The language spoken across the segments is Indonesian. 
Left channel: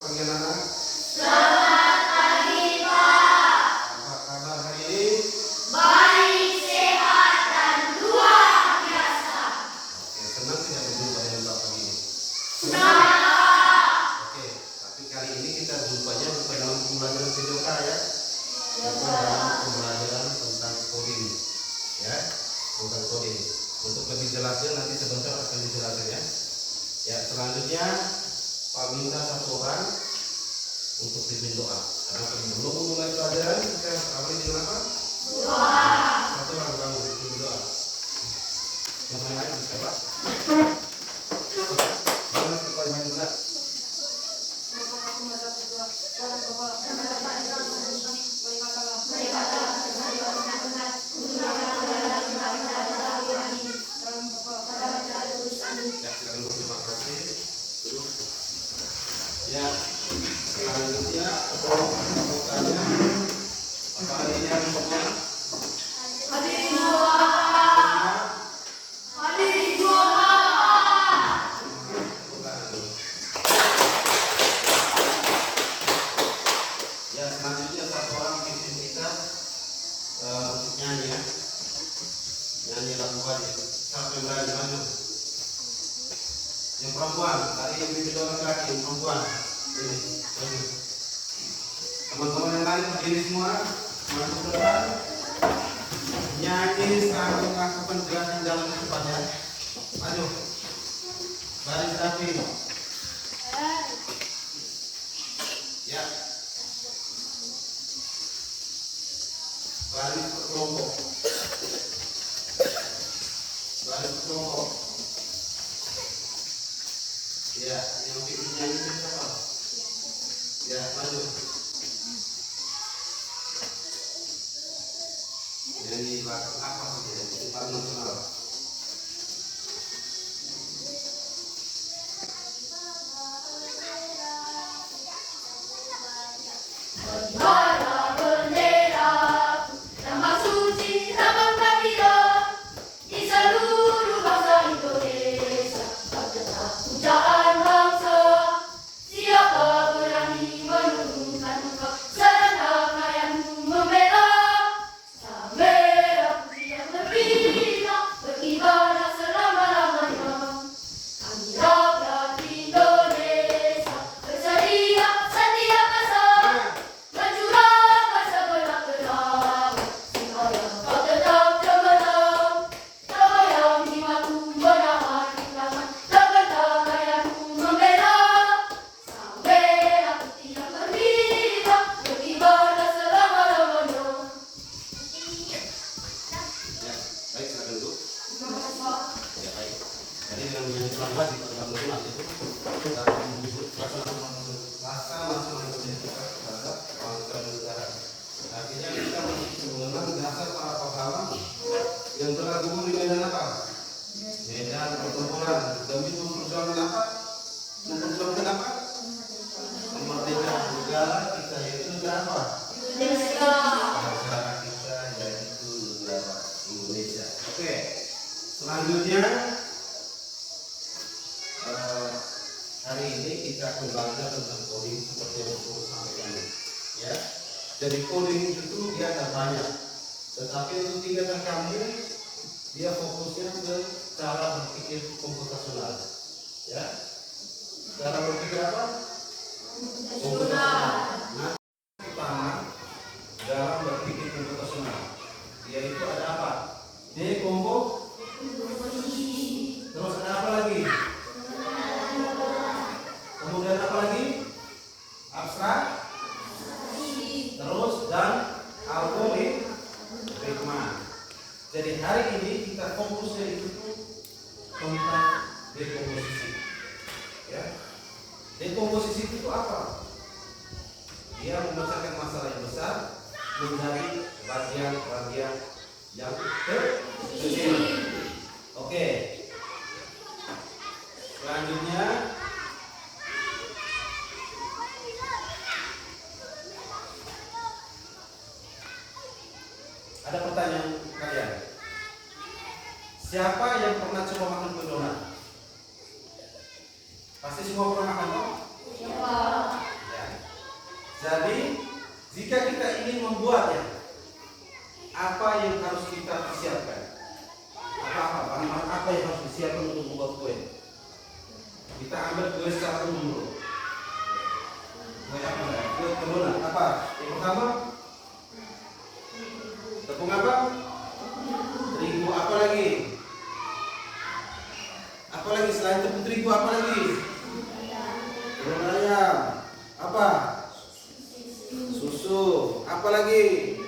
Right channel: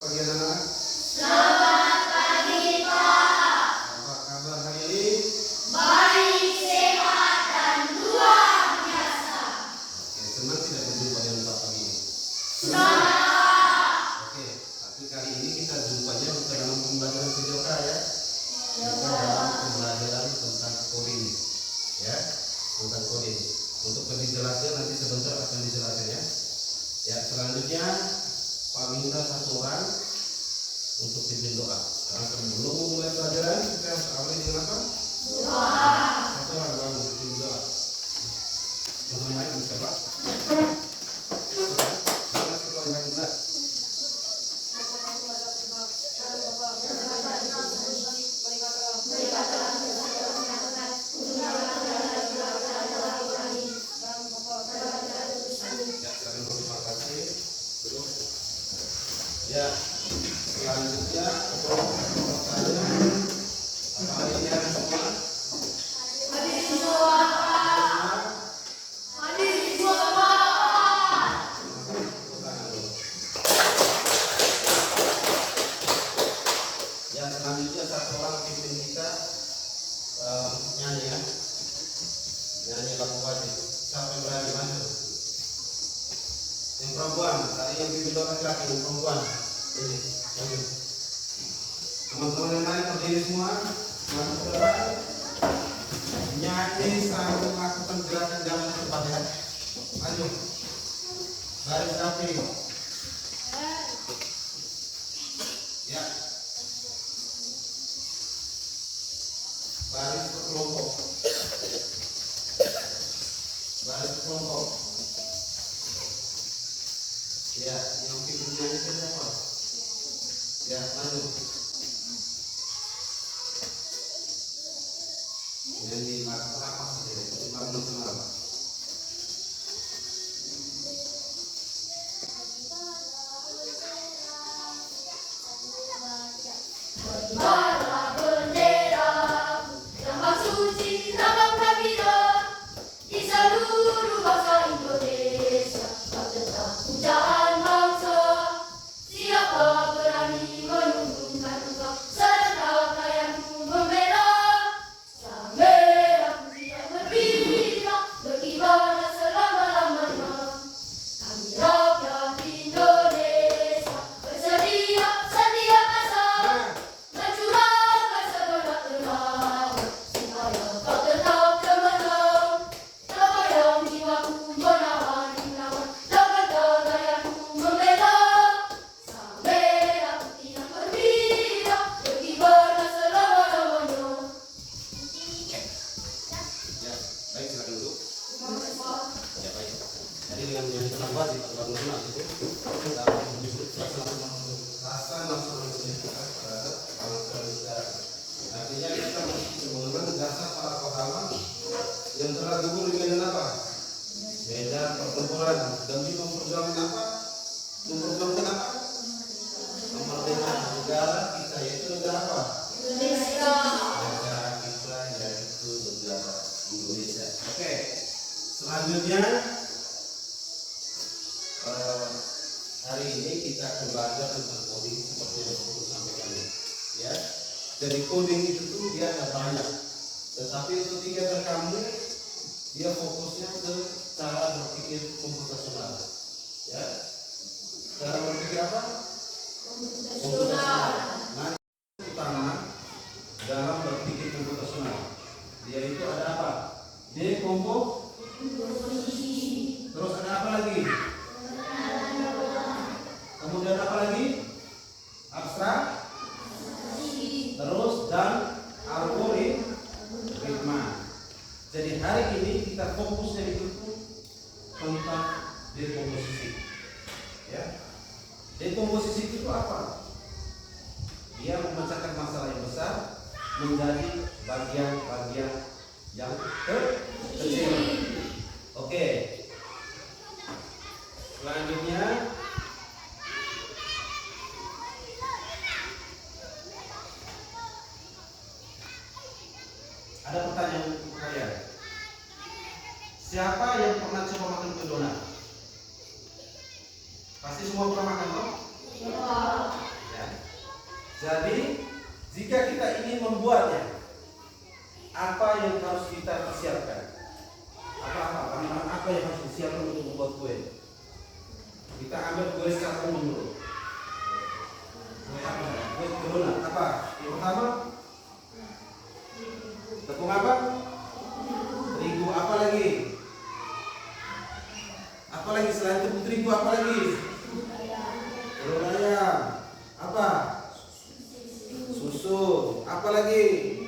Pagi anak-anak. Selamat pagi Pak. Apa kabar hari ini? Baik, sehat dan luar biasa. Oke, senang tidak berjumpa dengan Bapak pagi ini? Senang. Oke, tapi kali ini kita jumpanya bukan dalam pembelajaran PJOK ya. Bukan dalam pembelajaran tentang coding. Ya, tentang coding. Untuk lebih jelasnya nanti sebentar akan dijelaskan ya. Ya, selanjutnya Pak minta satu orang untuk pimpin doa. Karena sebelum memulai pelajaran kita harus awali dengan apa? Doa. Satu orang bangun pimpin doa. Yang lain bisa Pak? Mana sekolah yang bisa? Ya, selanjutnya apa hari ini harus semua? Hadirin doa. Hadirin doa. Ya, selanjutnya satu orang pimpin kita untuk nyanyi ya. Nyanyi lagu wajib. Siapa yang berani maju? Yang perempuan, tadi yang pimpin doa laki-laki, yang perempuan. Ini, maju. Teman-teman yang lain berdiri semua, maju ke depan. Nyanyi sambil melakukan gerakan jalan di depannya. Maju. Baris rapi. Ya. Baris berkelompok. Baris berkelompok. Ya, yang pimpin nyanyi siapa? Ya, maju. Nyanyi lagu apa sih? Lagu nasional. Bara bendera, lambang suci, lambang kabila di seluruh bangsa Indonesia. Pada pujaan bangsa, siapa berani menurunkan muka serta yang membela. Sang merah putih yang berkilau, berkibarlah selama-lamanya. Kami rakyat Indonesia bersedia setia pasang. Mencurahkan segenap tenaga supaya kau tetap cemerlang. Terbayang jiwaku menahan iklan, takkan gagayanku membela. Sang merah putih yang berkilau, berkibarlah selama-lamanya. Ya, baik silakan duduk. Ya baik. Jadi dengan menyanyi lagu wajib atau lagu nasional itu rasa langsung menunjukkan terhadap bangsa dan negara. Artinya kita mesti mengenal dasar para pahlawan yang telah gugur di medan apa? Medan pertempuran demi memperjuangkan apa? Memperjuangkan apa? Kemerdekaan negara kita yaitu negara apa? Indonesia. Negara kita yaitu negara Indonesia. Oke, selanjutnya hari ini kita akan belajar tentang coding seperti yang saya sampaikan. Ya, jadi coding itu tuh dia ada banyak, tetapi untuk kegiatan kamu dia fokusnya ke cara berpikir komputasional. Ya, cara berpikir apa? Komputasional. Nah, utama dalam berpikir komputasional yaitu ada apa? Dekomposisi. Terus ada apa lagi? Kemudian apa lagi? Abstrak. Terus dan algoritma. Jadi hari ini kita fokusnya itu tentang dekomposisi. Ya. Dekomposisi itu apa? Dia memecahkan masalah yang besar menjadi bagian-bagian yang kecil. Oke. Selanjutnya ada pertanyaan kalian. Siapa yang pernah coba makan kue donat? Pasti semua pernah makan, toh? Ya. pertama? Tepung apa? Terigu. Apa lagi? Apa lagi selain tepung terigu? Apa lagi? Telur ayam. Apa? Susu. Apa lagi?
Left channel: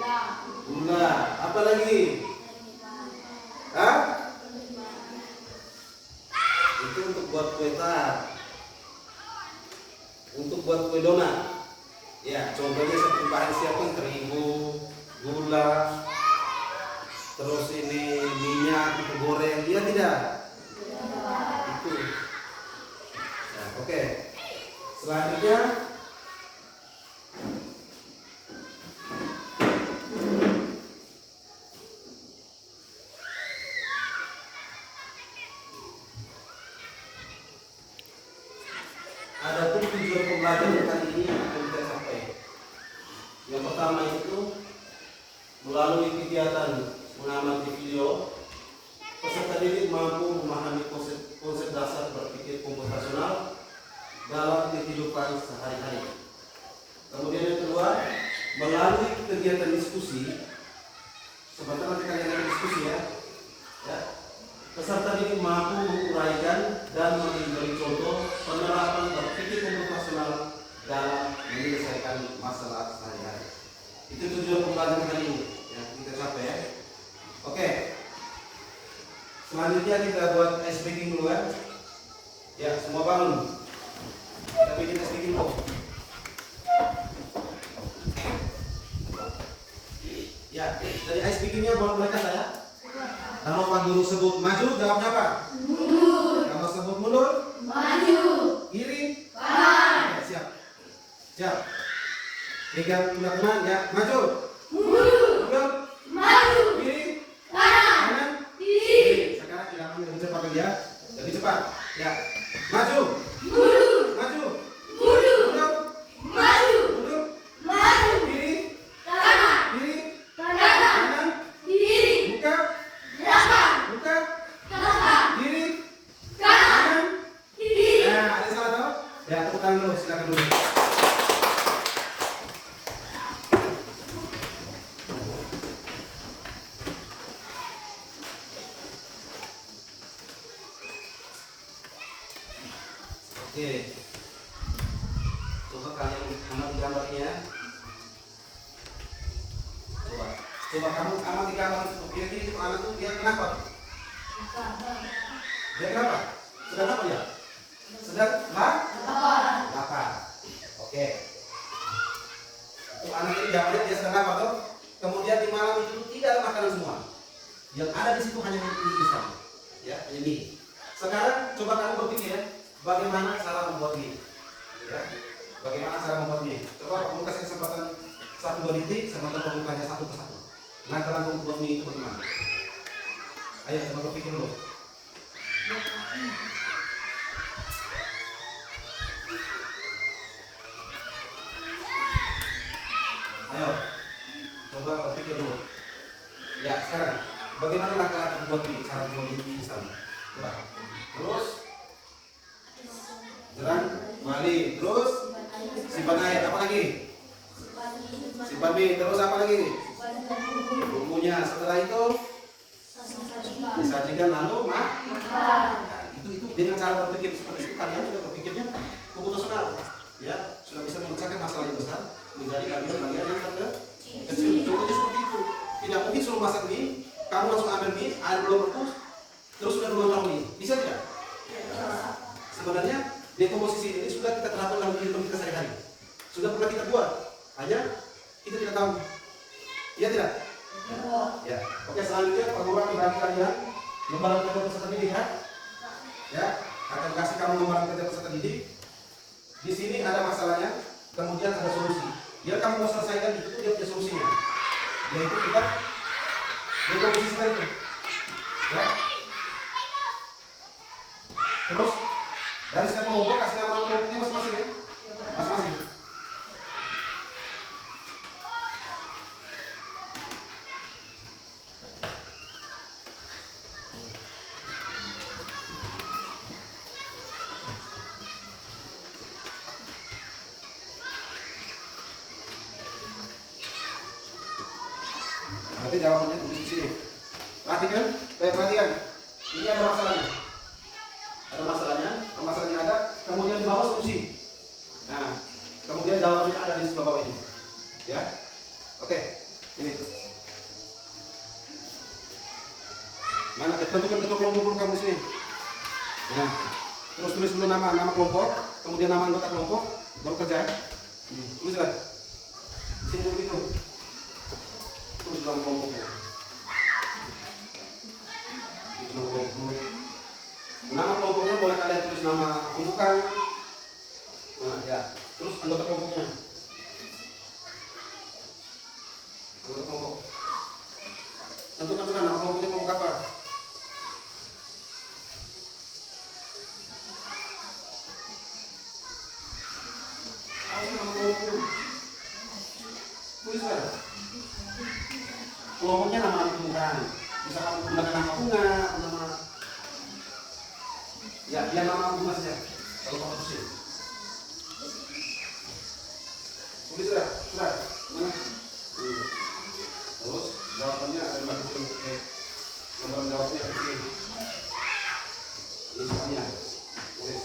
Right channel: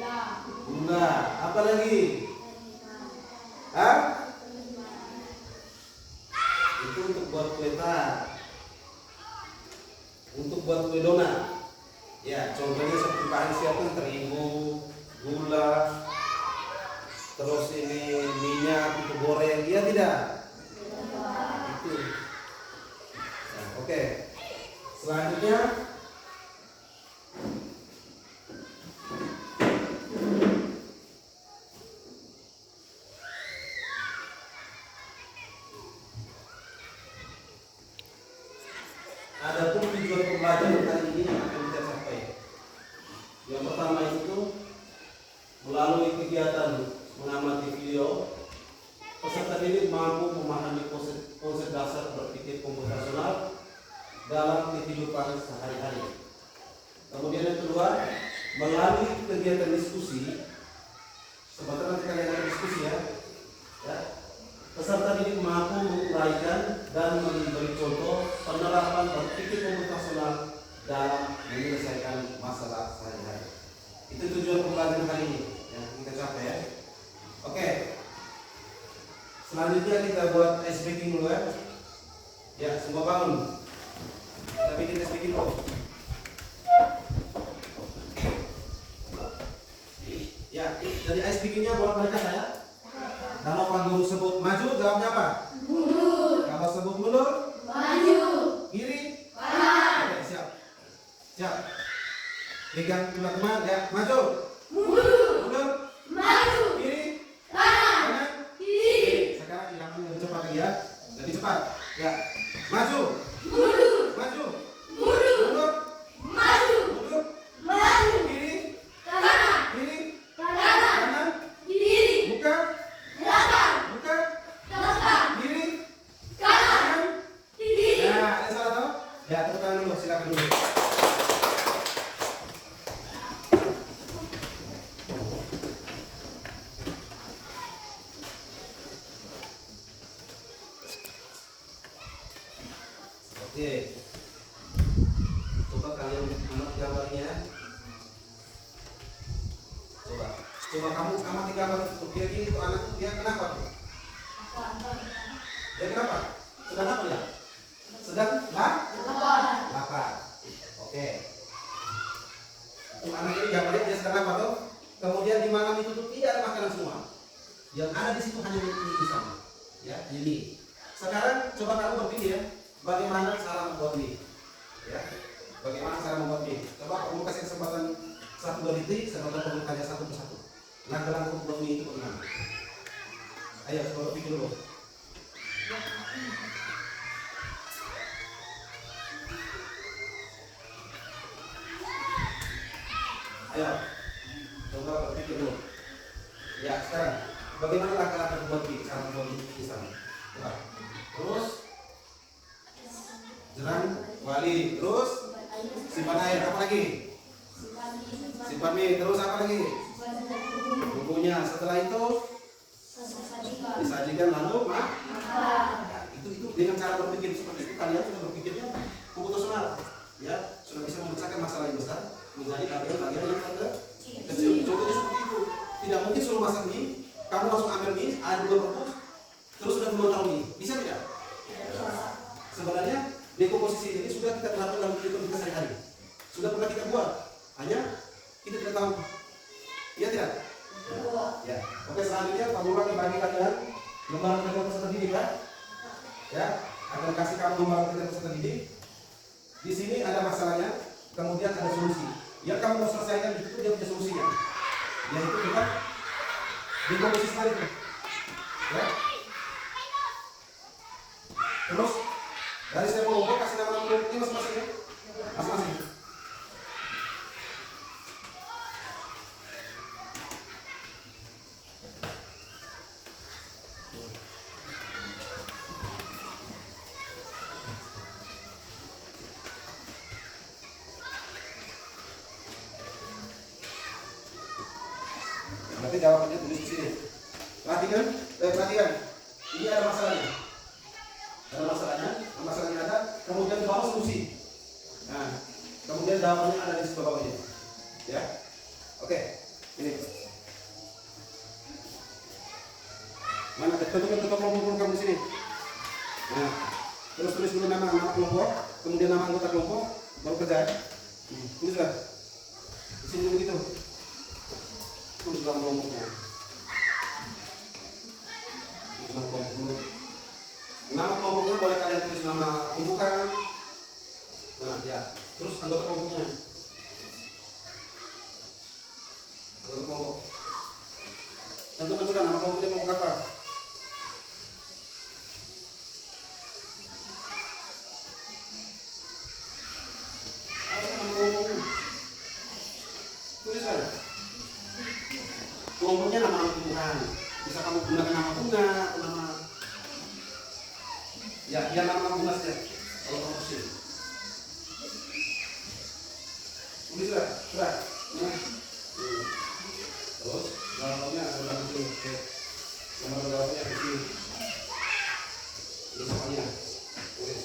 Gula. Apa lagi? Hah? Itu untuk buat kue tart. Untuk buat kue donat. Ya, contohnya seperti bahan siapkan terigu, gula, terus ini minyak itu goreng, iya tidak? Itu. Nah, oke. Selanjutnya ada pun tujuan pembelajaran hari ini yang akan kita capai. Yang pertama itu melalui kegiatan mengamati video, peserta didik mampu memahami konsep dasar berpikir komputasional dalam kehidupan sehari-hari. Kemudian yang kedua, melalui kegiatan diskusi, sebentar nanti kalian akan diskusi ya. Peserta didik mampu menguraikan dan memberi contoh penerapan berpikir komputasional dalam menyelesaikan masalah sehari-hari. Itu tujuan pembelajaran hari ini yang kita capai ya. Oke. Selanjutnya kita buat ice breaking dulu ya. Ya, semua bangun. Kita bikin ice breaking dulu. Ya, dari ice breakingnya buat mereka saya. Kalau Pak Guru sebut maju, jawabnya apa? Mundur. Kalau sebut mundur? Maju. Kiri? Kanan. Oke, siap. Siap. Pegang teman-teman ya, maju. Mundur. Maju. Kiri? Kanan. Kiri. Sekarang tidak lebih cepat lagi ya. Lebih cepat. Ya. Maju. Mundur. Maju. Mundur. Maju. Mundur. Maju. Kiri? Kanan. Kiri? Kanan. Kiri. Buka. Buka. Kiri. Kanan. Kiri. Ya, ada salah tahu? Ya, tepuk tangan dulu, silakan dulu. Oke. Coba kalian amati gambarnya. Coba kamu amati gambar itu. Kira-kira itu anak itu dia kenapa? Dia kenapa? Sedang apa ya? Sedang lapar. Oke. Untuk anak ini jawabannya dia sedang apa tuh? Kemudian di malam itu tidak ada makanan semua. Yang ada di situ hanya mie instan. Ya, hanya mie. Sekarang coba kamu berpikir ya, bagaimana cara membuat mie? Ya, bagaimana cara membuat mie? Coba kamu kasih kesempatan 1-2 detik, sementara kamu tanya satu persatu. Langkah-langkah untuk buat mie itu bagaimana? Ayo, coba berpikir dulu. Ayo, coba berpikir dulu. Ya, sekarang bagaimana langkah-langkah buat mie? Cara buat mie di sana. Terus jerang, balik, terus simpan air, apa lagi? Simpan mie, terus apa lagi? Bumbunya. Setelah itu disajikan lalu nah, itu dengan cara berpikir seperti itu kalian sudah berpikirnya komputasional ya, sudah bisa memecahkan masalah yang besar menjadi bagian-bagian yang kecil. Contohnya seperti itu. Tidak mungkin suruh masak mie, kamu langsung ambil mie, air belum rebus, terus sudah melontong mie. Bisa tidak? Sebenarnya dekomposisi ini sudah kita terapkan dalam kehidupan kita sehari-hari. Sudah pernah kita buat, hanya kita tidak tahu. Iya tidak? Ya. Oke, selanjutnya Pak Guru akan bagi kalian lembaran kerja peserta didik kan? Ya, akan kasih kamu lembaran kerja peserta didik. Di sini ada masalahnya, kemudian ada solusi. Biar kamu mau selesaikan itu dia punya solusinya. Yaitu kita dekomposisi tadi. Ya. Terus dari setiap kelompok kasih nama kelompoknya masing-masing. Masing-masing. Berarti jawabannya tulis di sini. Perhatikan, perhatikan. Ini ada masalahnya. Ada masalahnya. Masalahnya ada. Kemudian di bawah solusi. Nah, kemudian jawabannya ada di sebelah bawah ini. Ya, oke. Ini. Mana tentukan bentuk kelompok kamu di sini. Nah, terus tulis dulu nama kelompok, kemudian nama anggota kelompok, baru kerja. Tulislah. Sini begitu. Tulis dalam kelompoknya. Itu nama kelompok. Nama kelompoknya boleh kalian tulis nama kumpulan. Nah, ya. Terus anggota kelompoknya. Anggota kelompok. Tentukan juga nama kelompoknya kelompok apa. Kelompoknya nama kumpulan. Bisa kamu gunakan nama bunga atau nama ya nama bunga saja. Kalau kamu tulis. Tulis sudah. Mana? Terus jawabannya adalah betul. Jawabannya di sini. Ini soalnya. Tulis.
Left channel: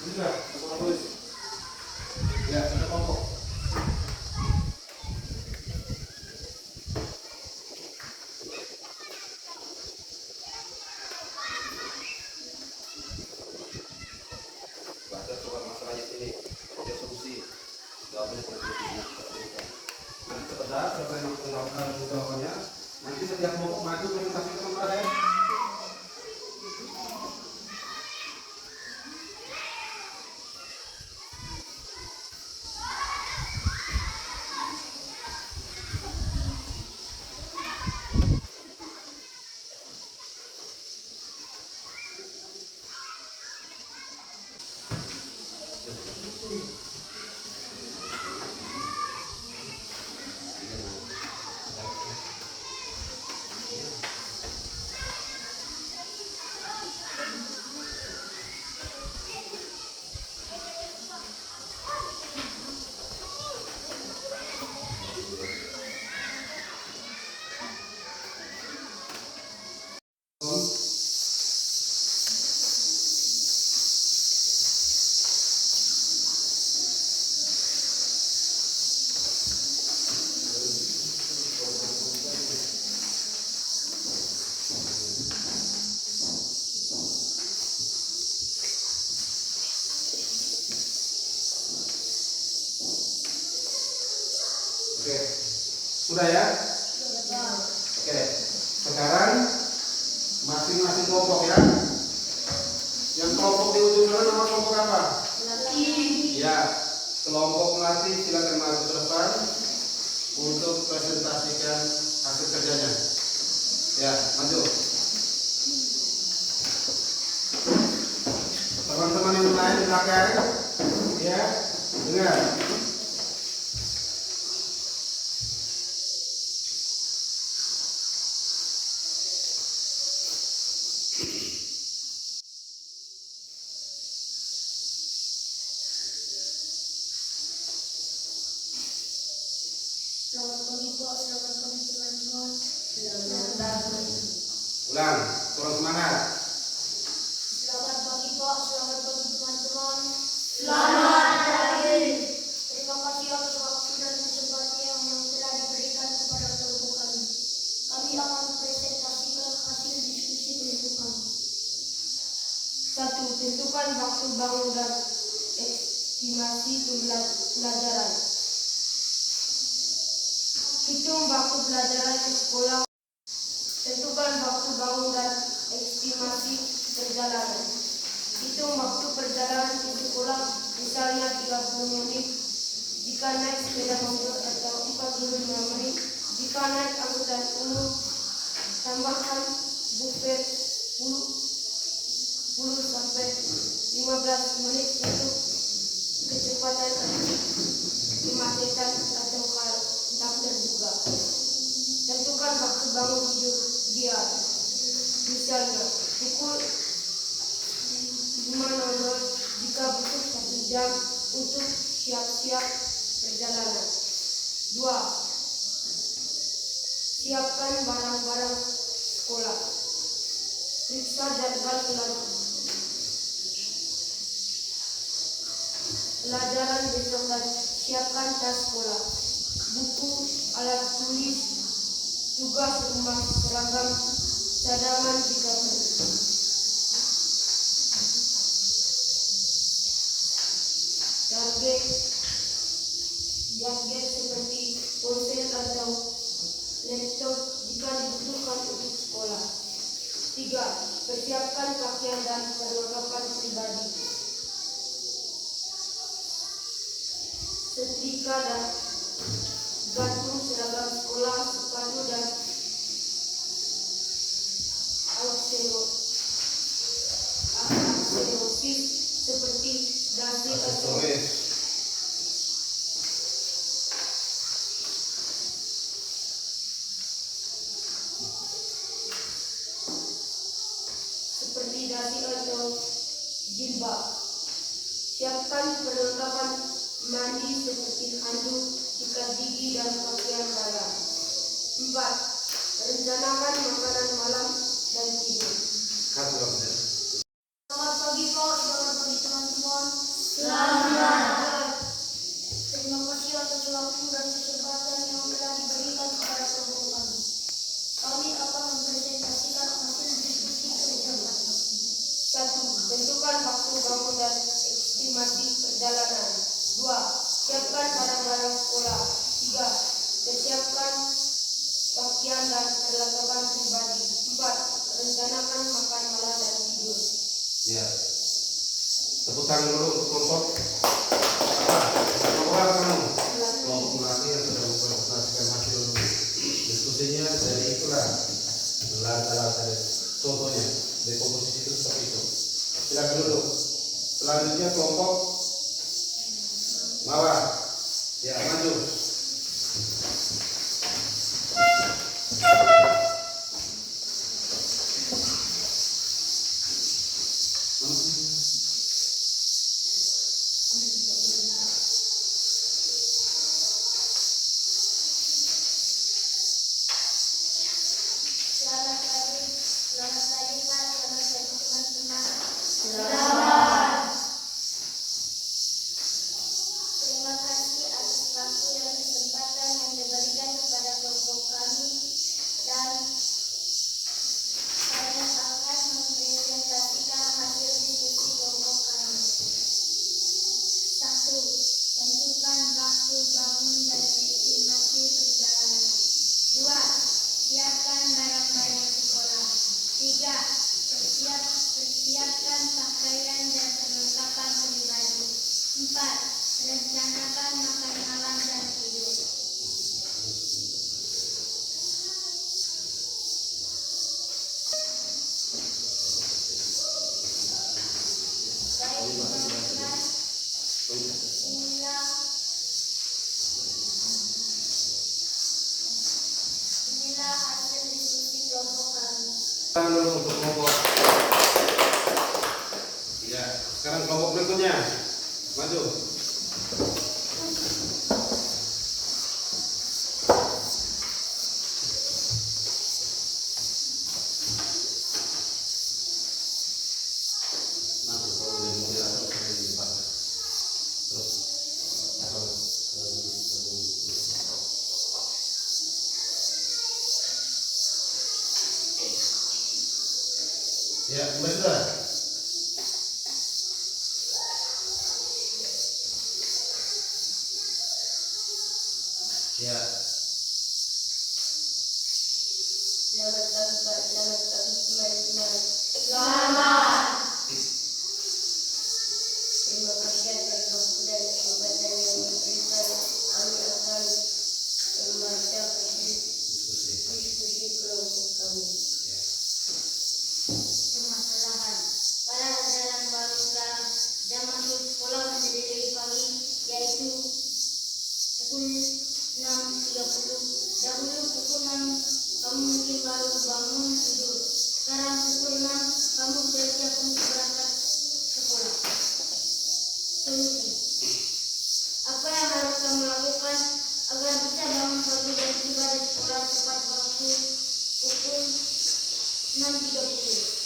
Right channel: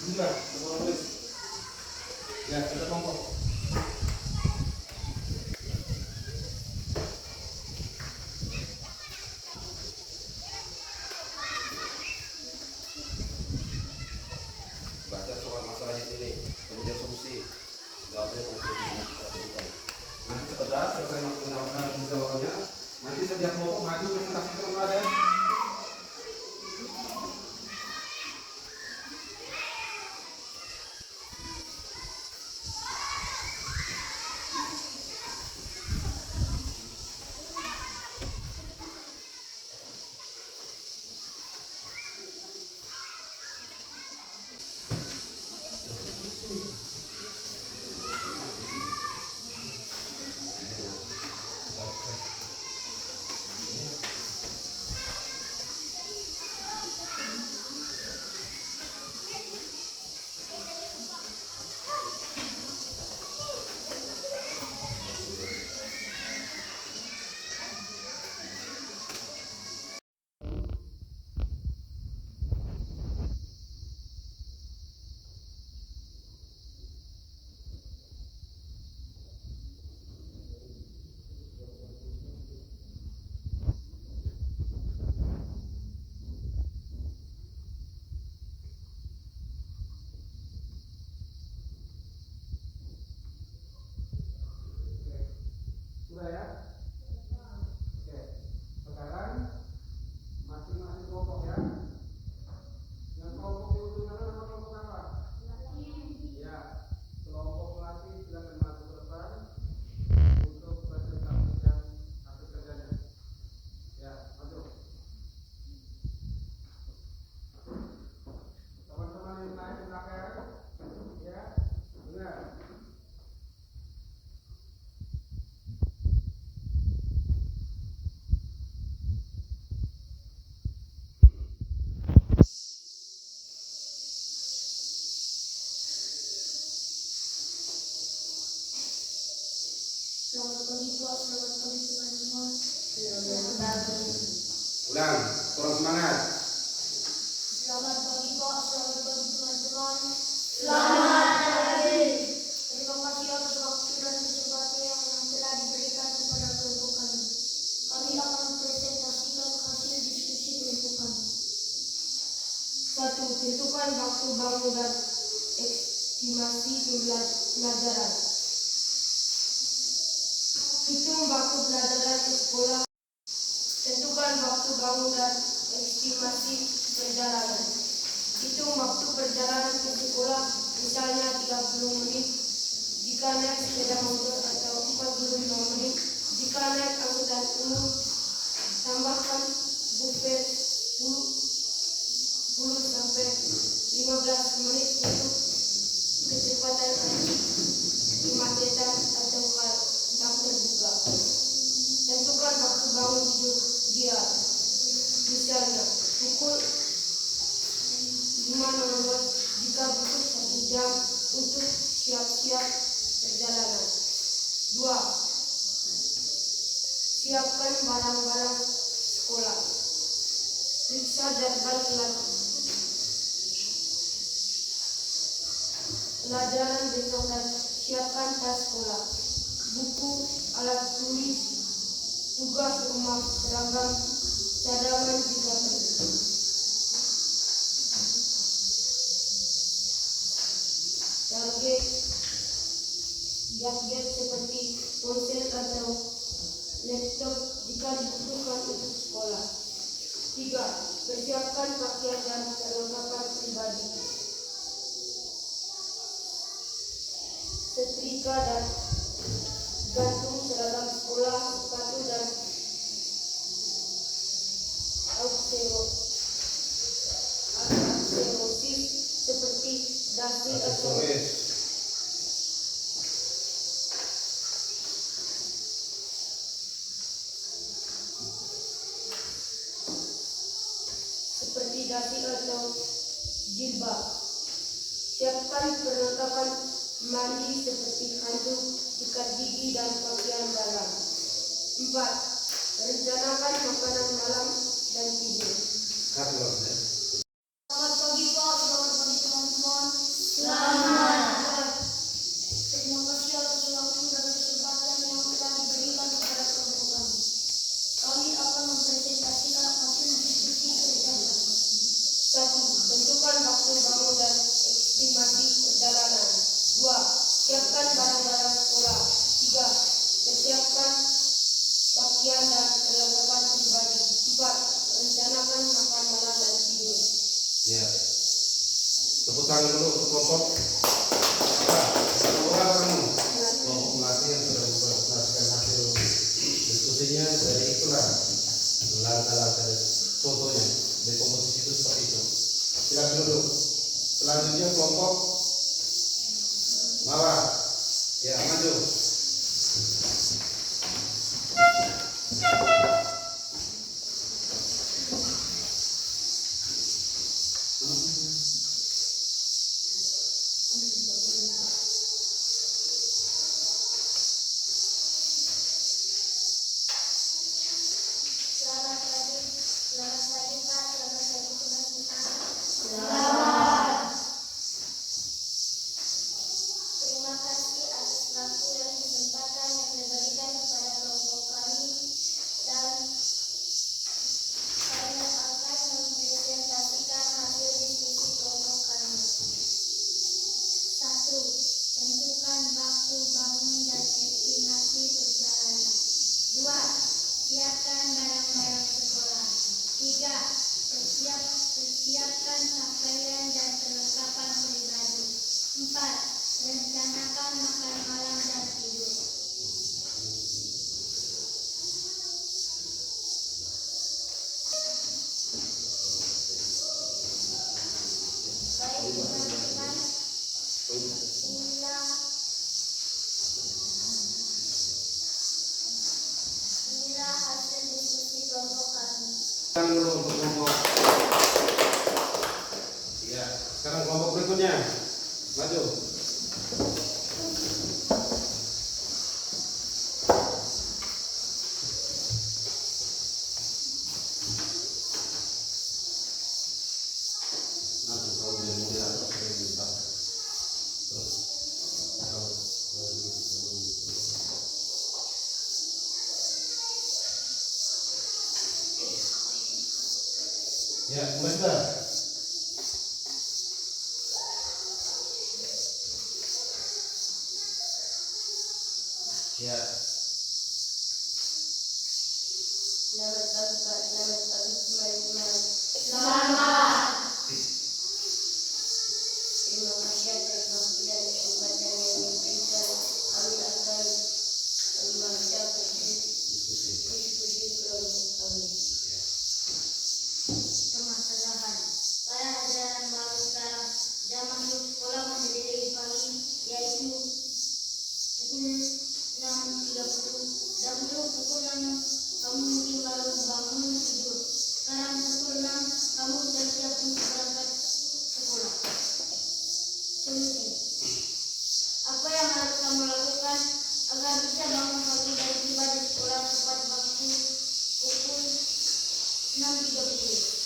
Sudah, tulis. Ya, ada kelompok. Baca soal masalahnya sini, kemudian solusi. Jawabnya kurang lebih nanti setelah selesai melakukan jawabannya, nanti setiap kelompok maju presentasi ke kalian. Oke, sudah ya? Oke, sekarang masing-masing kelompok ya. Yang kelompok di ujung sana nama kelompok apa? Ya, kelompok melatih silakan maju ke depan untuk presentasikan hasil kerjanya. Ya, maju. Teman-teman yang lain di belakang, ya, dengar. Selamat pagi Pak, selamat pagi teman-teman. Selamat pagi. Ulang, kurang semangat. Selamat pagi Pak, selamat pagi teman-teman. Selamat pagi. Terima kasih atas waktu dan kesempatan yang telah diberikan kepada kelompok kami. Kami akan mempresentasikan hasil diskusi kelompok kami. 1. Tentukan waktu bangun dan estimasi pembelajaran. Hitung waktu pelajaran ke sekolah. Tentukan waktu bangun dan estimasi perjalanan. Hitung waktu perjalanan ke sekolah, misalnya 30 menit jika naik sepeda motor atau 45 menit jika naik angkutan umum. Tambahkan buffer 10 sampai 15 menit untuk kecepatan kemacetan atau tak terduga. Tentukan waktu bangun tidur dia, misalnya pukul 5.00 jika butuh 1 jam untuk siap-siap perjalanan. 2. Siapkan barang-barang sekolah. Periksa jadwal pelajaran besok dan siapkan tas sekolah, buku, alat tulis, tugas rumah, seragam, cadangan jika perlu. Gadget seperti ponsel atau laptop jika dibutuhkan untuk sekolah. 3. Persiapkan pakaian dan perlengkapan pribadi. Setrika dan gantung seragam sekolah, sepatu dan aksesoris seperti dasi atau jilbab. Siapkan perlengkapan mandi seperti handuk, sikat gigi dan pakaian dalam. 4. Rencanakan makanan malam dan tidur. Selamat pagi Pak, selamat pagi teman-teman. Selamat. Terima kasih atas waktu dan kesempatan yang telah diberikan kepada kelompok kami. Kami akan mempresentasikan hasil diskusi kerja kami. 1. Tentukan waktu bangun dan estimasi perjalanan. 2. Siapkan barang-barang sekolah. 3. Persiapkan pakaian dan perlengkapan pribadi. 4. Rencanakan makan malam dan tidur. Ya. Tepuk tangan dulu untuk kelompok. Kelompok apa kamu? Kelompok melatih yang sudah mempresentasikan hasil diskusinya dari itulah langkah-langkah contohnya dari komposisi itu seperti itu. Silakan dulu. Selanjutnya kelompok bawah. Ya, maju. Selamat pagi Pak, selamat pagi teman-teman. Selamat. Terima kasih atas waktu dan kesempatan yang diberikan kepada kelompok kami dan saya akan mempresentasikan hasil diskusi kelompok kami. 1. Tentukan waktu bangun dan estimasi perjalanan. 2. Siapkan barang-barang sekolah. 3. Persiapkan pakaian dan perlengkapan pribadi. 4. Rencanakan makan malam dan tidur. Baik teman-teman, inilah hasil diskusi kelompok kami. Tangan dulu untuk kelompok. Ya, sekarang kelompok berikutnya. Maju. Nanti kalau udah mulai ada saya dibahas. Terus ya, betul. Ya. Selamat pagi Pak, selamat pagi teman-teman. Selamat. Terima kasih atas waktu dan kesempatan yang diberikan. Kami akan membaca diskusi kelompok kami. Permasalahan. Pada ajaran baru sekarang, jam masuk sekolah menjadi lebih pagi, yaitu pukul 6.30. Dahulu pukul 6 kamu mungkin baru bangun tidur. Sekarang pukul 6 kamu sudah siap untuk berangkat sekolah. Solusi. Apa yang harus kamu lakukan agar bisa bangun pagi dan tiba di sekolah tepat waktu? pukul 6.30.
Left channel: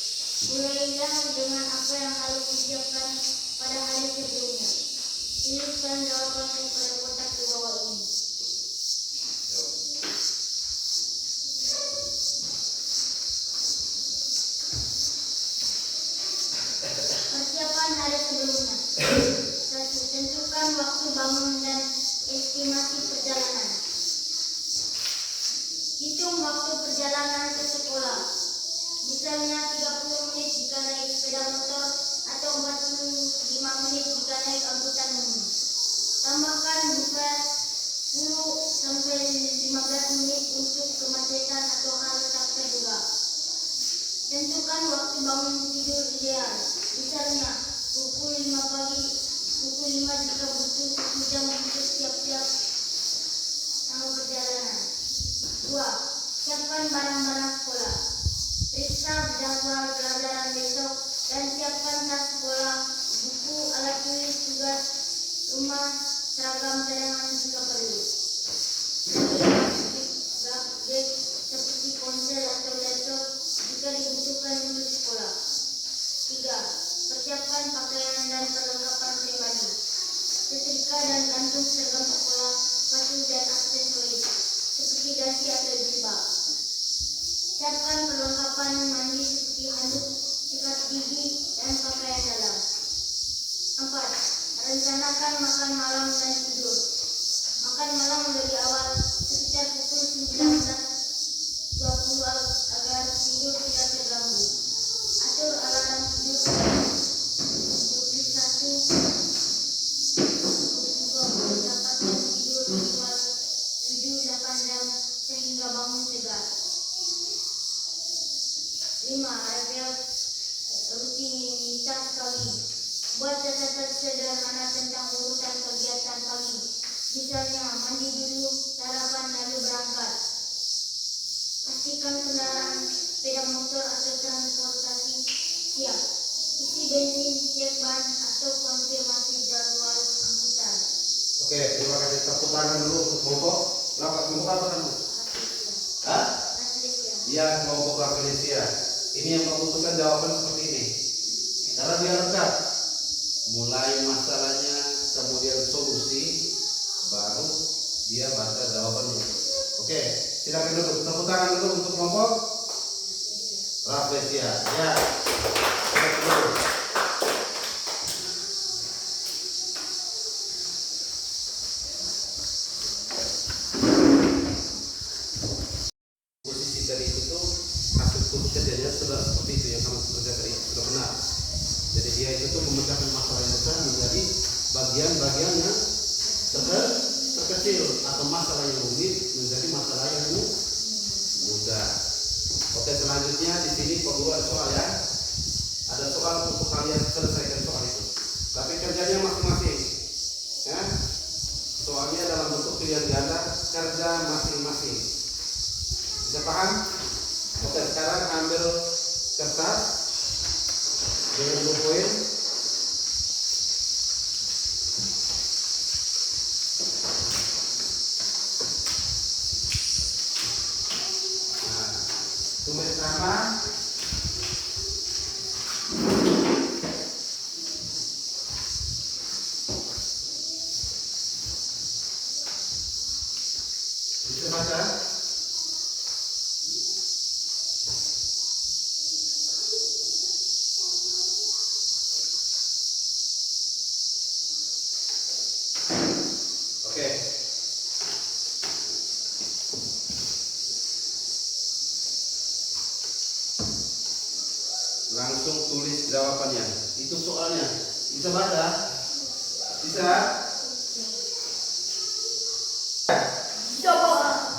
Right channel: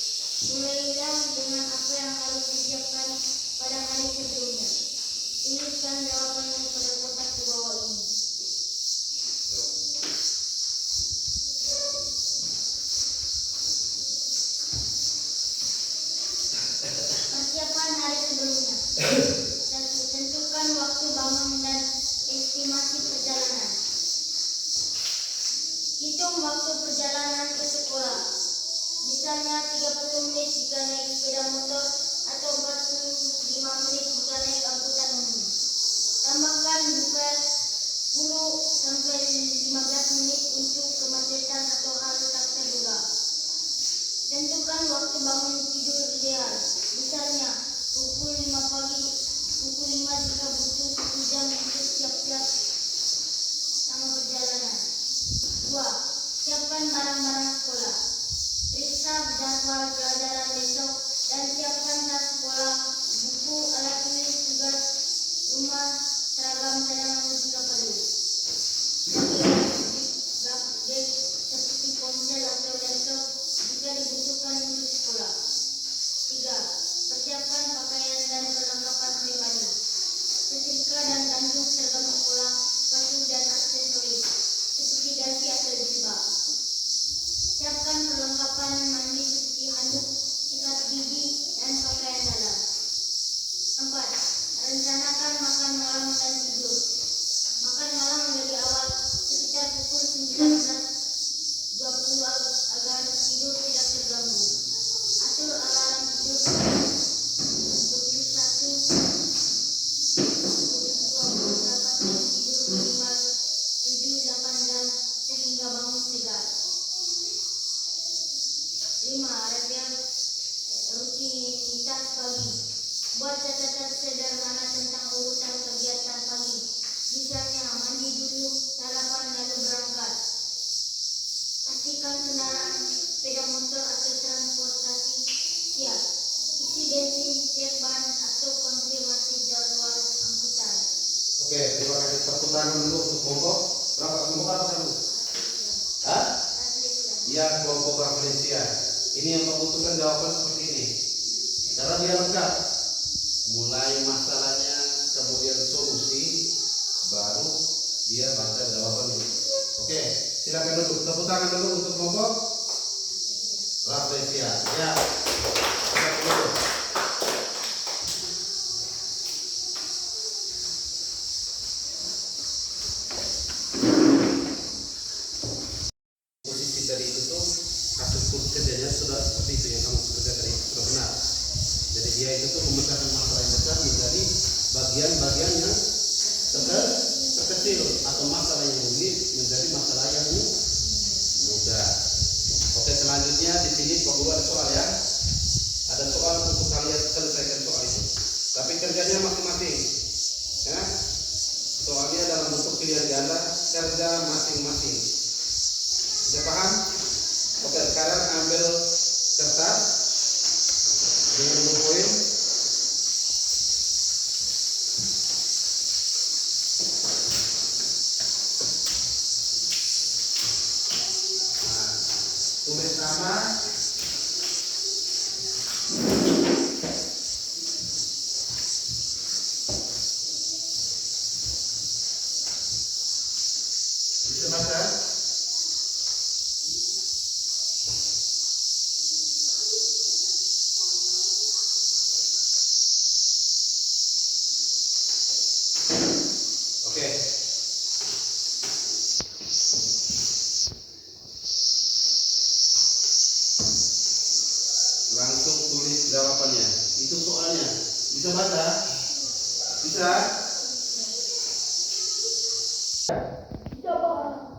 Mulailah dengan apa yang harus disiapkan pada hari sebelumnya. Tuliskan jawabanmu pada kotak di bawah ini. Persiapan hari sebelumnya. 1. Tentukan waktu bangun dan estimasi perjalanan. Hitung waktu perjalanan ke sekolah. Misalnya 30 menit jika naik sepeda motor atau 45 menit jika naik angkutan umum. Tambahkan buka 10 sampai 15 menit untuk kemacetan atau hal tak terduga. Tentukan waktu bangun tidur ideal. Misalnya pukul 5 pagi, pukul 5 jika butuh 1 jam untuk siap-siap sama perjalanan. 2. Siapkan barang-barang sekolah. Periksa jadwal pelajaran besok dan siapkan tas sekolah, buku, alat tulis, tugas rumah, seragam cadangan jika perlu. Gadget seperti ponsel atau laptop jika dibutuhkan untuk sekolah. 3. Persiapkan pakaian dan perlengkapan pribadi. Setrika dan gantung seragam sekolah, sepatu dan aksesoris seperti dasi atau jilbab. Siapkan perlengkapan mandi seperti handuk, sikat gigi, dan pakaian dalam. 4. Rencanakan makan malam dan tidur. Makan malam lebih awal, sekitar pukul 19.20 agar tidur tidak terganggu. Atur alarm tidur 21.20 dapatkan tidur minimal 7-8 jam sehingga bangun segar. 5. Rutinitas pagi. Buat catatan sederhana tentang urutan kegiatan pagi. Misalnya mandi dulu, sarapan lalu berangkat. Pastikan kendaraan sepeda motor atau transportasi siap. Isi bensin, cek ban atau konfirmasi jadwal angkutan. Oke, terima kasih. Tepuk tangan dulu untuk kelompok. Kelompok apa kamu? Hah? Iya, kelompok Rafflesia. Ini yang membutuhkan jawaban seperti ini. Karena dia lengkap. Mulai masalahnya, kemudian solusi, baru dia baca jawabannya. Oke, silakan dulu. Tepuk tangan dulu untuk kelompok Rafflesia. Ya. Posisi dari itu tuh hasil kerjanya sudah seperti itu yang kamu kerjakan itu sudah benar. Jadi dia itu tuh memecahkan masalah yang besar menjadi bagian-bagian yang terkecil atau masalah yang rumit menjadi masalah yang mudah. Oke, selanjutnya di sini Pak Guru ada soal ya. Ada soal untuk kalian selesaikan soal itu. Tapi kerjanya masing-masing. Ya. Soalnya dalam bentuk pilihan ganda kerja masing-masing. Sudah paham? Oke, sekarang ambil kertas dengan ballpoint. Nah, tulis nama, bisa baca? Oke. Langsung tulis jawabannya. Itu soalnya. Bisa baca? Bisa? Coba.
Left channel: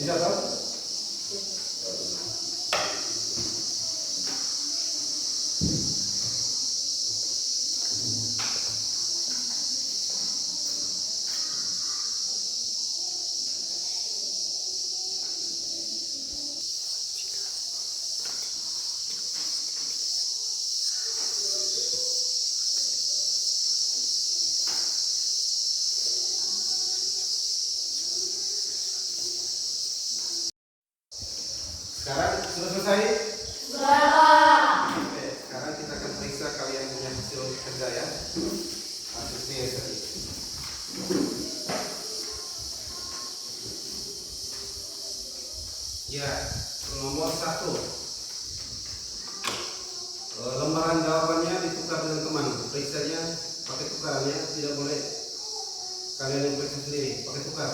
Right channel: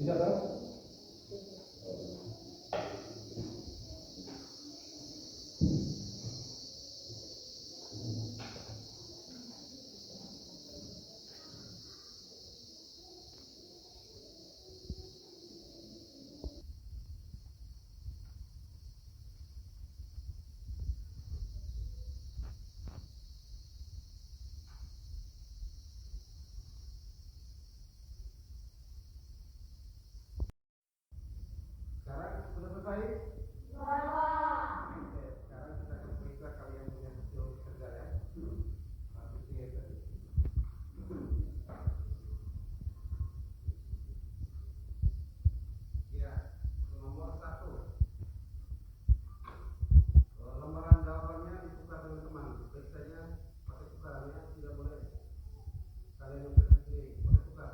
Bisa toh? 1. Lembaran jawabannya ditukar dengan teman. Periksanya pakai tukaran ya, tidak boleh kalian yang periksa sendiri, pakai tukar.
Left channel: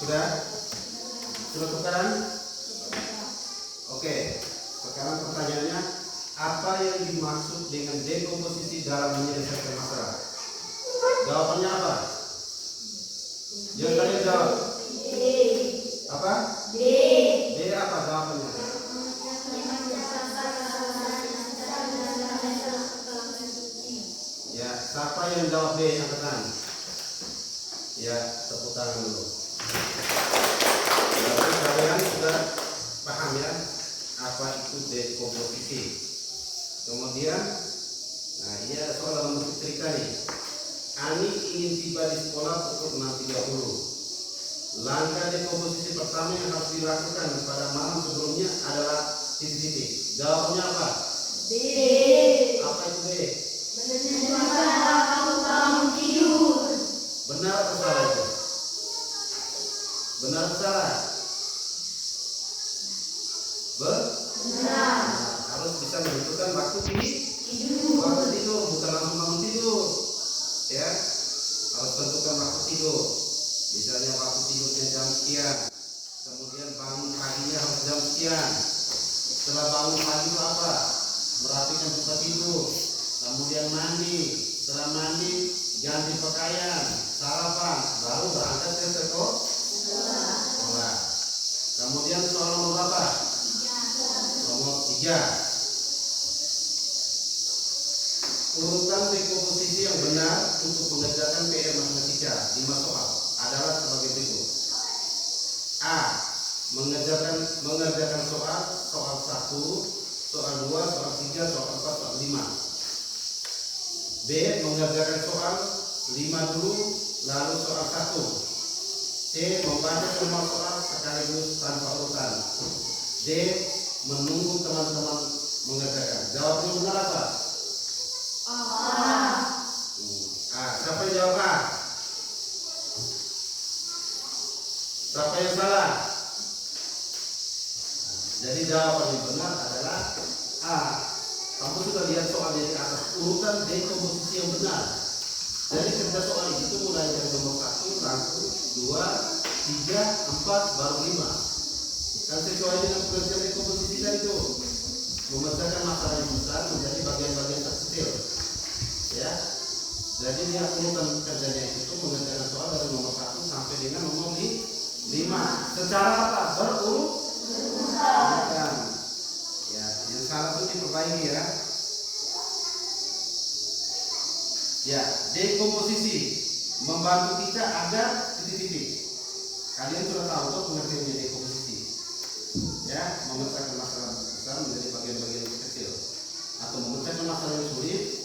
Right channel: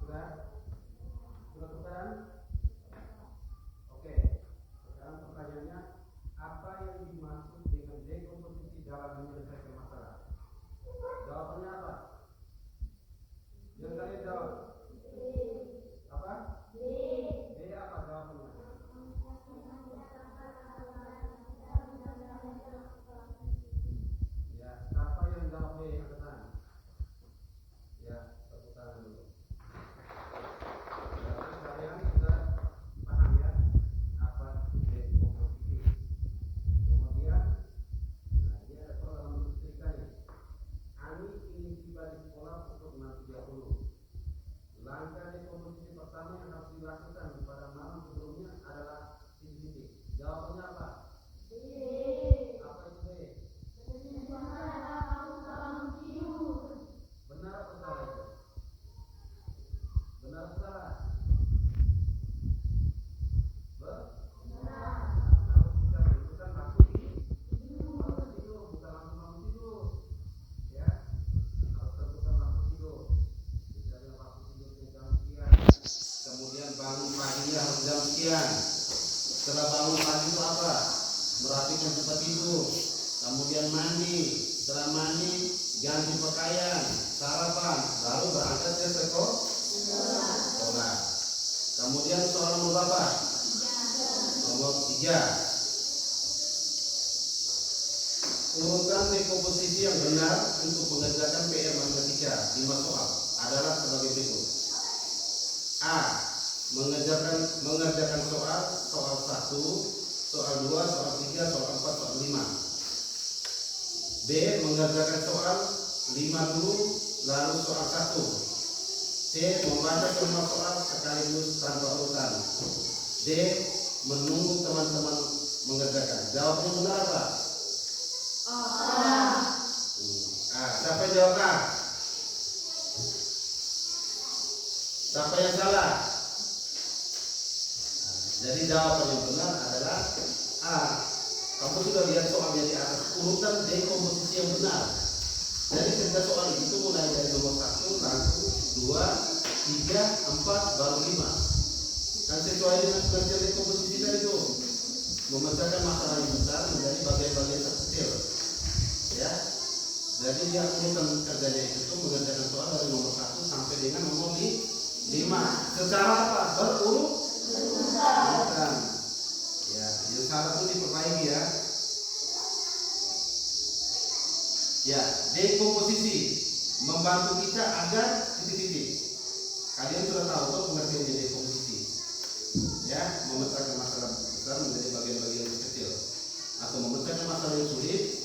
Sudah? Sudah tukaran? Oke. Sekarang pertanyaannya, apa yang dimaksud dengan dekomposisi dalam menyelesaikan masalah? Jawabannya apa? Yang kalian jawab. Apa? D apa jawabannya? Ya, siapa yang jawab D angkat tangan? Ya, tepuk tangan dulu. Berarti kalian sudah paham ya apa itu dekomposisi. Kemudian, nah ini ada soal dalam bentuk cerita nih. Ani ingin tiba di sekolah pukul 6.30. Langkah dekomposisi pertama yang harus dilakukan pada malam sebelumnya adalah titik-titik. Jawabnya apa? B. Apa itu B? Bangun tidur. Benar atau salah itu? Benar atau salah? Benar. Harus bisa menentukan waktu tidur, bukan langsung bangun tidur. Ya, harus tentukan waktu tidur. Misalnya waktu tidurnya jam sekian, kemudian bangun paginya harus jam sekian. Setelah bangun pagi itu apa? Merapikan tempat tidur, kemudian mandi. Setelah mandi, ganti pakaian, sarapan, baru berangkat ke sekolah. Kemudian soal nomor berapa? Nomor 3. Urutan dekomposisi yang benar untuk mengerjakan PR matematika 5 soal adalah sebagai berikut. A. Mengerjakan soal 1, soal 2, soal 3, soal 4, soal 5. B. Mengerjakan soal 5 dulu, lalu soal 1. C. Membaca semua soal sekaligus tanpa urutan. D. Menunggu teman-teman mengerjakan. Jawabnya benar apa? Siapa yang jawab A? Siapa yang salah? Jadi jawaban yang benar adalah A. Kamu sudah lihat soalnya di atas, urutan dekomposisi yang benar. Jadi kerja soal itu mulai dari nomor 1, langsung 2, 3, 4, baru 5. Kan sesuai dengan kerja dekomposisi tadi itu, memecahkan masalah yang besar menjadi bagian-bagian terkecil. Ya, jadi dia urutan kerjanya itu mengerjakan soal dari nomor 1 sampai dengan nomor 5. Secara apa? Berurutan. Ya, yang salah itu diperbaiki ya. Ya, dekomposisi membantu kita agar titik-titik. Kalian sudah tahu tuh pengertiannya dekomposisi. Ya, memecahkan masalah besar menjadi bagian-bagian yang kecil, atau memecahkan masalah yang sulit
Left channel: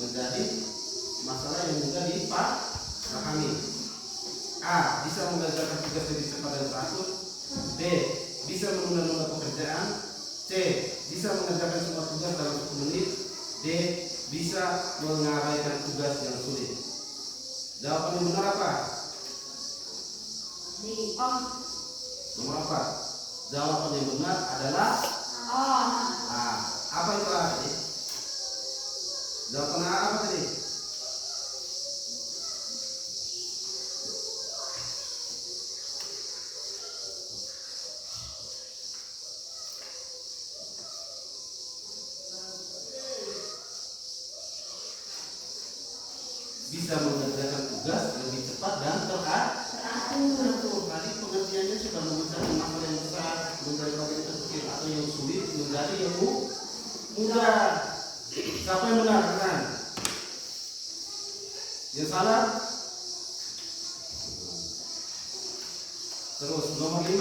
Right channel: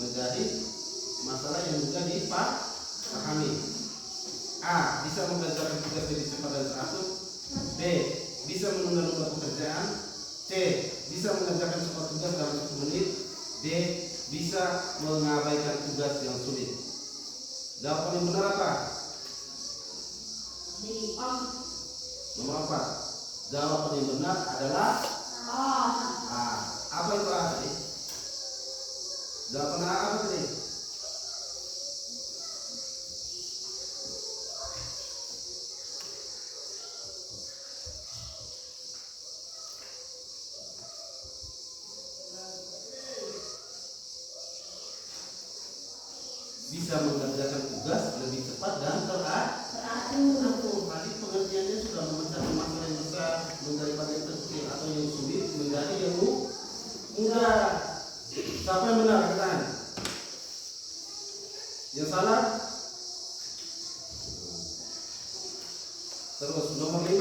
menjadi masalah yang mudah dipahami. A. Bisa mengerjakan tugas lebih cepat dan teratur. B. Bisa menunda-nunda pekerjaan. C. Bisa mengerjakan semua tugas dalam 10 menit. D. Bisa mengabaikan tugas yang sulit. Jawaban yang benar apa? Nomor 4. Jawaban yang benar adalah A. Apa itu A tadi? Jawaban A apa tadi? Bisa mengerjakan tugas lebih cepat dan teratur. Tadi pengertiannya sudah memecahkan masalah yang besar menjadi bagian terkecil, atau yang sulit menjadi yang mudah. Siapa yang benar kan? Yang salah? Terus nomor 5.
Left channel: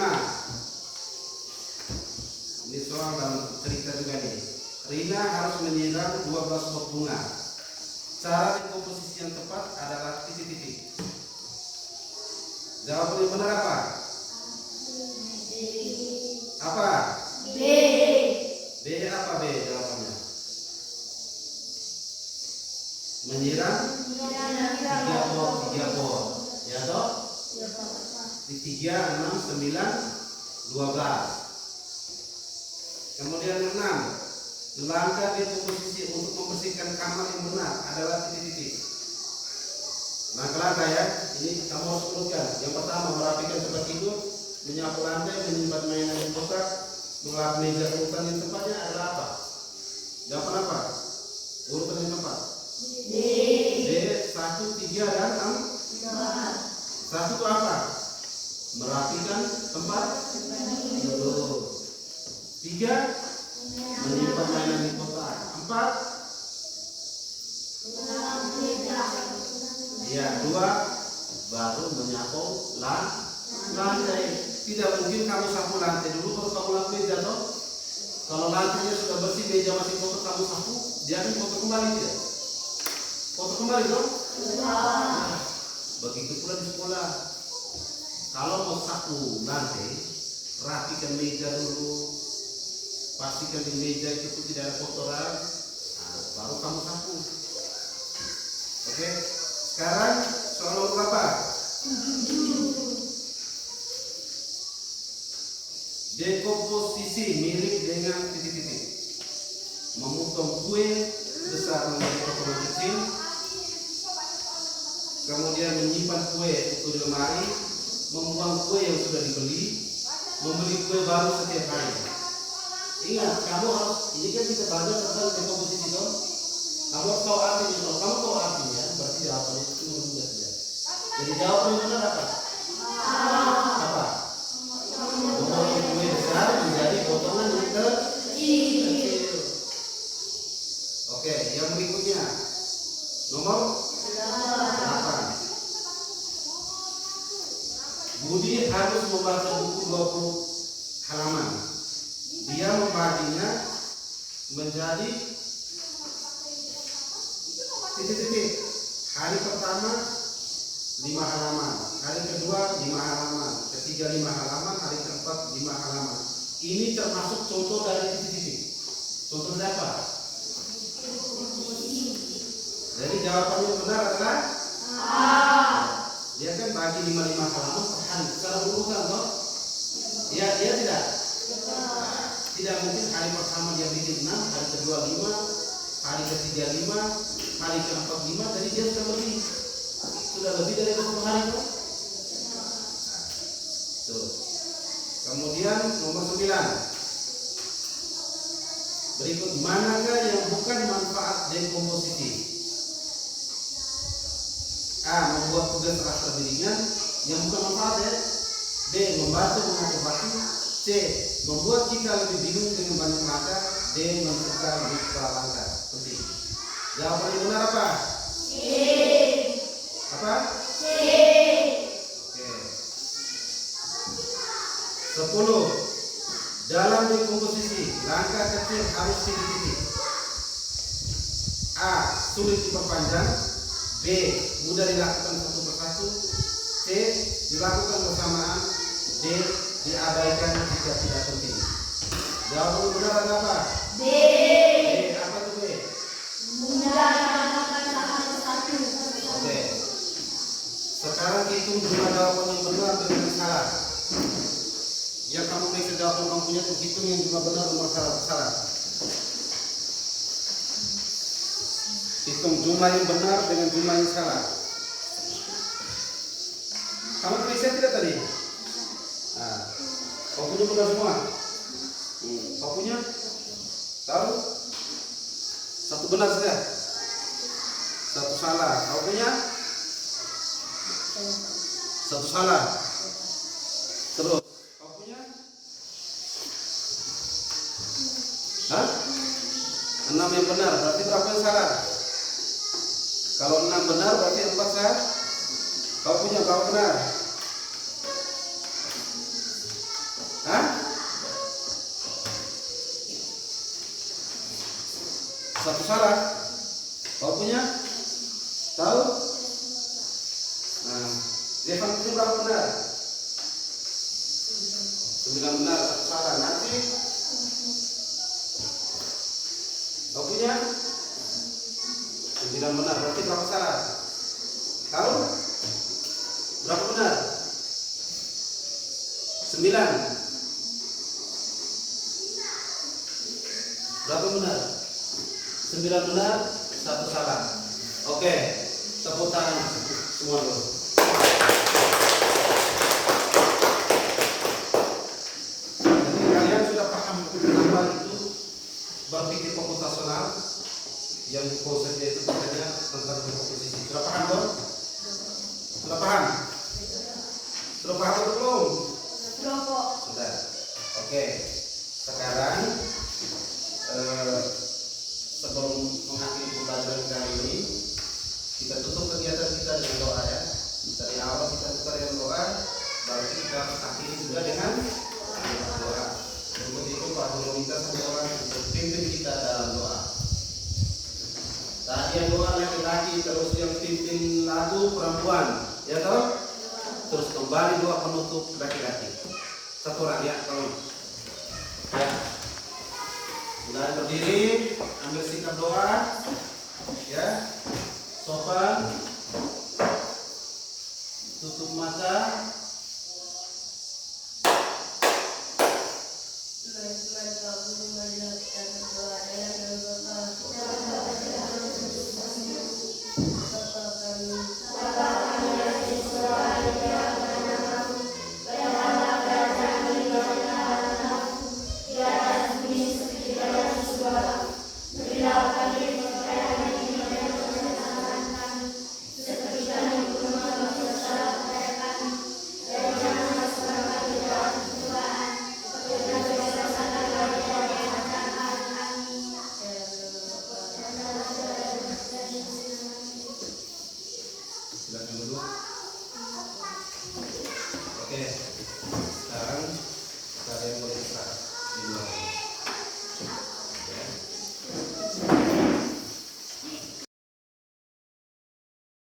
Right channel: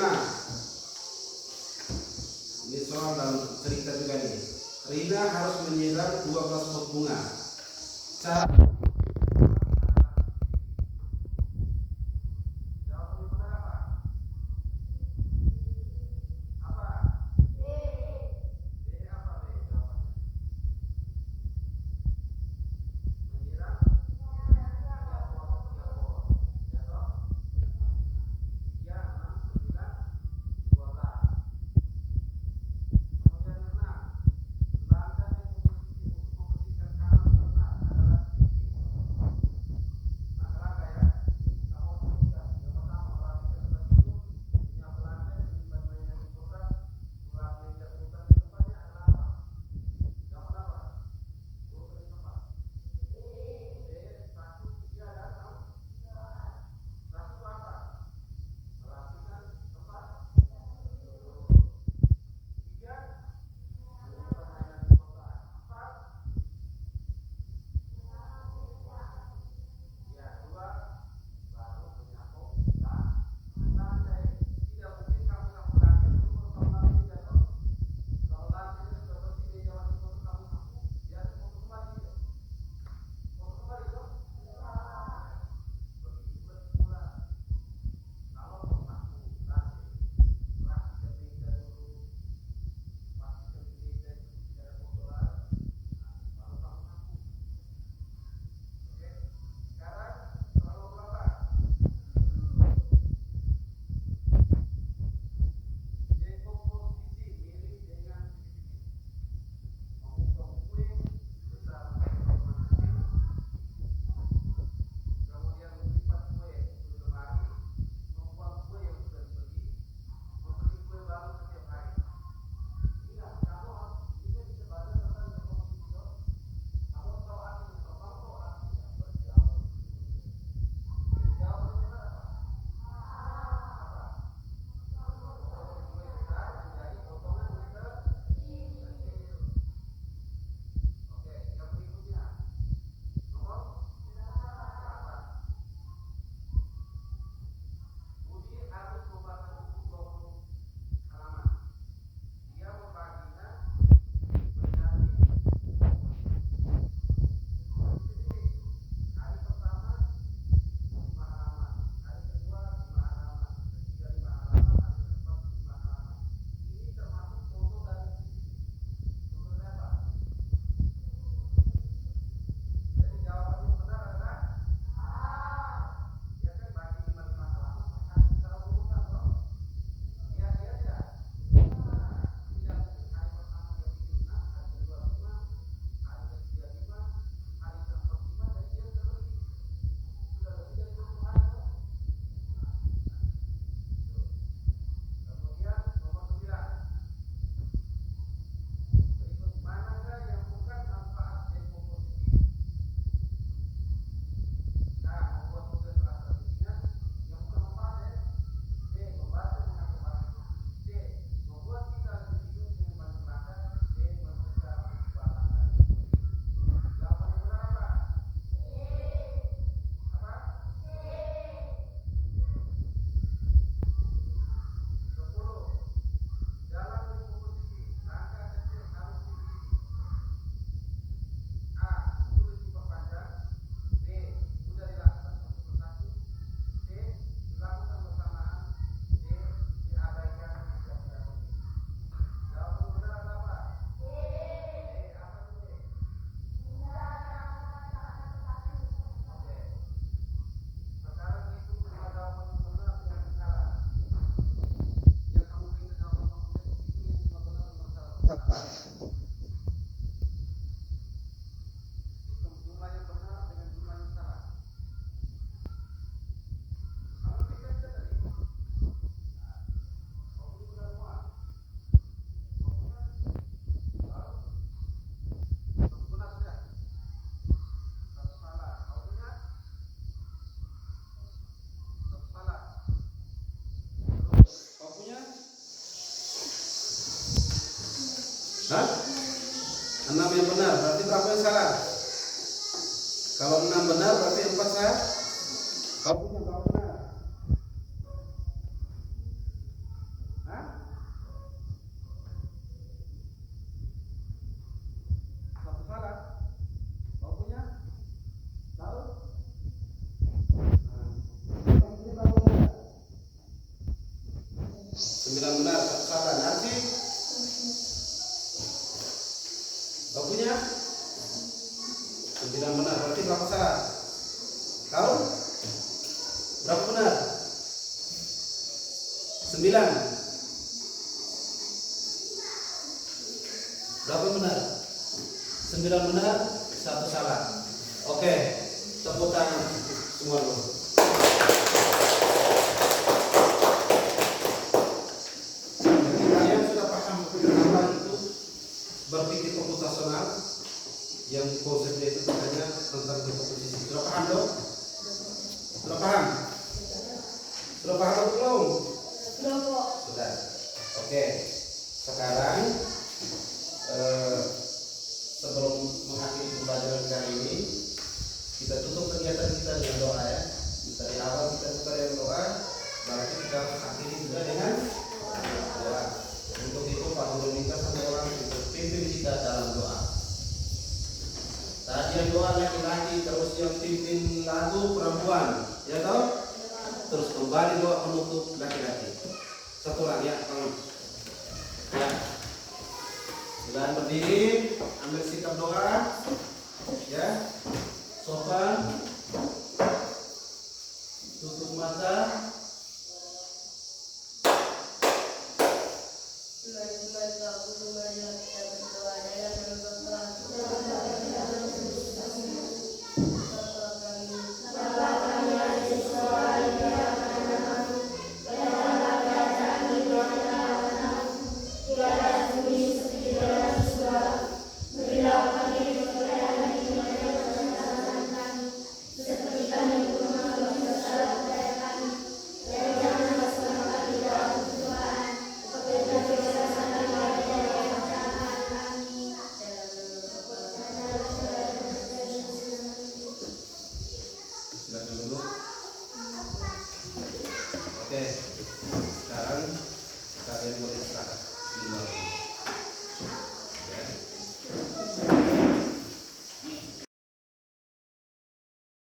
Ini soal dalam cerita juga nih. Rina harus menyiram 12 pot bunga. Cara dekomposisi yang tepat adalah titik-titik. Jawaban yang benar apa? Apa? B. B. 3, 6, 9, 12. Kemudian yang 6, langkah di posisi untuk membersihkan kamar yang benar adalah titik-titik. Langkah-langkah ya, ini kamu harus urutkan. Yang pertama, merapikan tempat tidur, menyapu lantai, menyimpan mainan yang kotor, mengelap meja urutan yang tempatnya adalah apa? Jawaban apa? Urutan yang tepat. D. 1, 3, dan 6. 1 itu apa? Merapikan tempat tidur. 3, menyimpan mainan di kotak. 4, ya 2, baru menyapu lantai. Tidak mungkin kamu sapu lantai dulu baru kamu lampu meja toh. Kalau lantainya sudah bersih, meja masih kotor, kamu sapu, dia akan kotor kembali tidak? Kotor kembali toh? Begitu pula di sekolah. Kalau mau sapu lantai, rapikan meja dulu, pastikan di meja itu tidak ada kotoran, baru kamu sapu. Oke, sekarang soal nomor berapa? Dekomposisi mirip dengan titik-titik. Memotong kue besar menjadi potongan kecil, kemudian menyimpan kue itu di lemari, membuang kue yang sudah dibeli, membeli kue baru setiap hari. Ingat, kamu harus, ini kan kita belajar tentang dekomposisi dong. Kamu harus tahu artinya. Kalau kamu tahu artinya, berarti jawabannya itu cuma mudah saja. Jadi jawaban yang benar apa? Apa? Memotong kue besar menjadi potongan yang kecil. Oke, yang berikutnya nomor 8. Budi harus membaca buku 20 halaman. Dia membaginya menjadi titik-titik. Hari pertama 5 halaman, hari kedua 5 halaman, ketiga 5 halaman, hari keempat 5 halaman. Ini termasuk contoh dari titik-titik. Contoh dari apa? Jadi jawabannya benar adalah A. Dia kan bagi 5 halaman per hari secara urutan toh? Ya, dia tidak. Tidak mungkin hari pertama dia bikin 6, hari kedua 5, hari ketiga 5, hari keempat 5, jadi dia sudah lebih dari 20 hari toh? Tuh. Kemudian nomor 9. Berikut, manakah yang bukan manfaat dekomposisi? A. Membuat tugas terasa ringan yang bukan manfaat ya. B. Membantu mengatur batu. C. Membuat kita lebih bingung dengan banyak langkah. D. Mencegah lebih kepala langkah. Penting. Jawaban yang benar apa? C. Apa? C. Oke. 10. Dalam dekomposisi, langkah kecil harus titik-titik. A. Sulit diperpanjang. B. Mudah dilakukan satu persatu. C. Dilakukan bersamaan. D. Diabaikan jika tidak penting. Jawaban yang benar adalah apa? D. Apa itu B? Mudah dilakukan satu persatu. Oke. Sekarang hitung jumlah jawaban yang benar dengan yang salah. Yang kamu bisa jawaban kamu punya, hitung yang jumlah benar nomor salah. Hitung jumlah yang benar dengan jumlah yang salah. Kamu bisa tidak tadi? Nah, kau punya benar semua? Kau punya? Tahu? Satu benar saja, satu salah. Kau punya? Satu salah. Terus, kau punya? Hah? 6 yang benar, berarti berapa yang salah? Kalau 6 benar berarti 4 salah. Kau punya kau benar. Hah? Satu salah. Kau punya? Tahu? Nah, Stefan punya berapa benar? 9 benar, satu salah. Nanti kau punya? 9 benar, berarti berapa salah? Tahu? Berapa benar? 9. Berapa benar? 9 benar, 1 salah. Oke, tepuk tangan semua dulu. Jadi kalian sudah paham apa itu berpikir komputasional, yang konsepnya itu katanya tentang komposisi. Sudah paham dong? Sudah paham? Sudah paham atau belum? Sudah kok. Sudah. Oke. Sekarang sebelum mengakhiri pembelajaran kali ini, kita tutup kegiatan kita dengan doa ya. Dari awal kita buka dengan doa, berarti kita akhiri juga dengan doa. Untuk itu Pak Guru minta sama orang untuk pimpin kita dalam doa. Tadi yang doa laki-laki, terus yang pimpin lagu perempuan, ya toh? Terus kembali doa penutup laki-laki. Satu orang ya, tolong. Ya. Sudah berdiri, ambil sikap doa, ya. Sopan, tutup mata. Silakan dulu. Oke, sekarang kalian boleh istirahat di luar.